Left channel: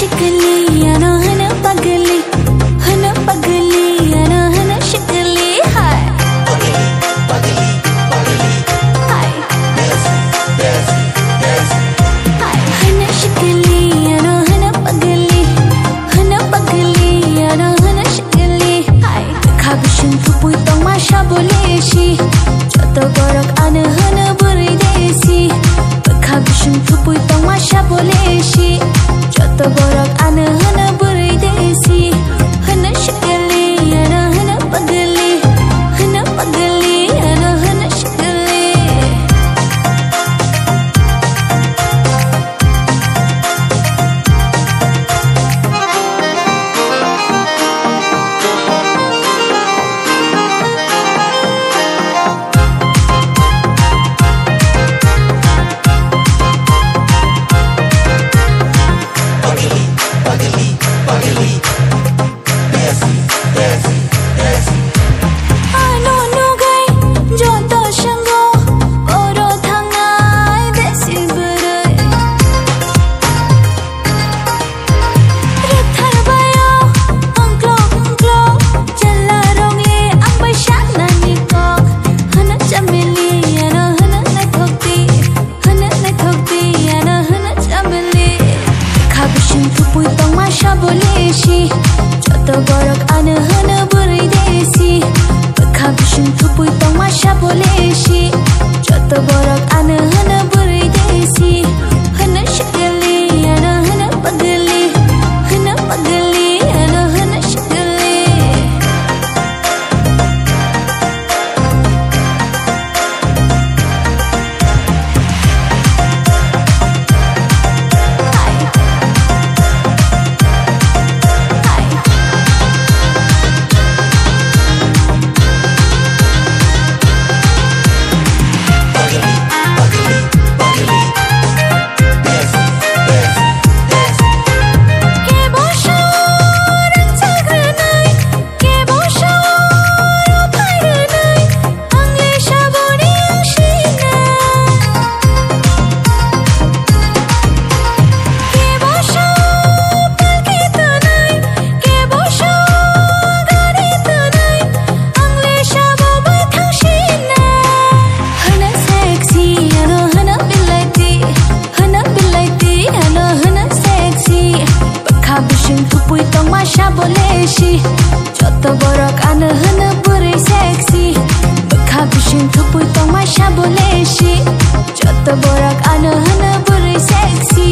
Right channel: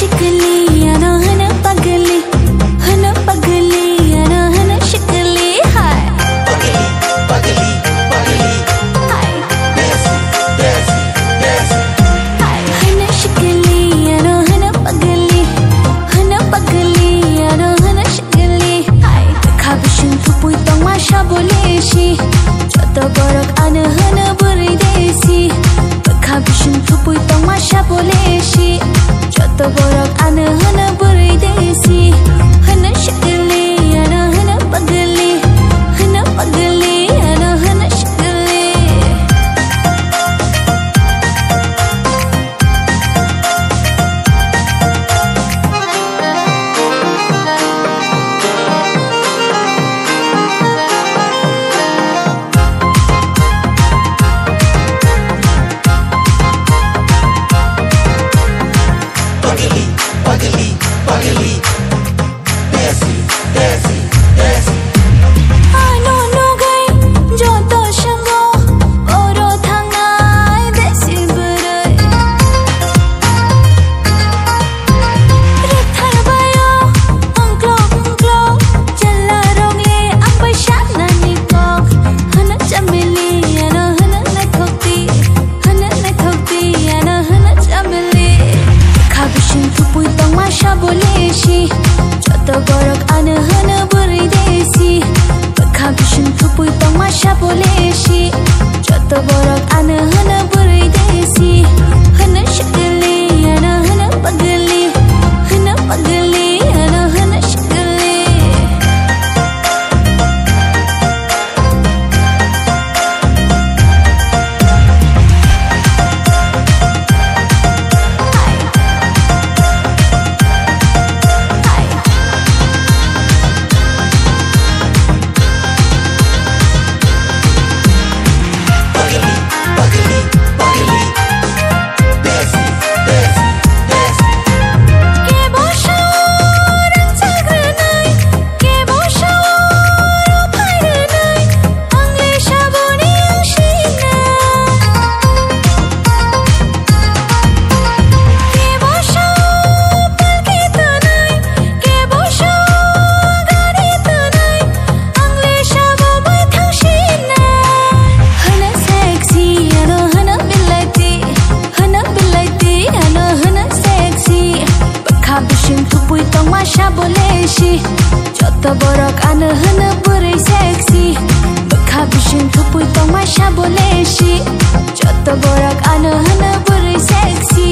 शिकली ano hana pagli ano hana शिकली हाय पगली पगली पगली हाय देसी देसी देसी हाय hana शिकली ano hana pagli ano hana शिकली हाय kabishin tupui tong masha boleshi joto borok ana hana buri desi kabishin tupui tong masha boleshi joto borok ana hana buri desi hana शिकली ano hana pagli ano hana शिकली पगली पगली पगली देसी देसी देसी ano nugai joto shango oro thangnai desi burai rathar bayo angklo jalla rongle ang bai shat na nikok hana chamili ano hana nai thokti ano hana chamili kabishin tupui tong masha boleshi joto borok ana hana buri desi kabishin tupui tong masha boleshi joto borok ana hana buri desi hana शिकली ano hana pagli ano hana शिकली हाय हाय पगली पगली पगली देसी देसी देसी ke boşan çagrınay ke boşan payrınay angle şaboni şina ke boşan palketanay ke boşan garitanay angle şabo bai thangshina hana sexy ano hana bilati ano hana sexy kabishin tupui tong masha boleshi joto borok ana hana buri sexy kabishin tupui tong masha boleshi joto borok ana hana buri sexy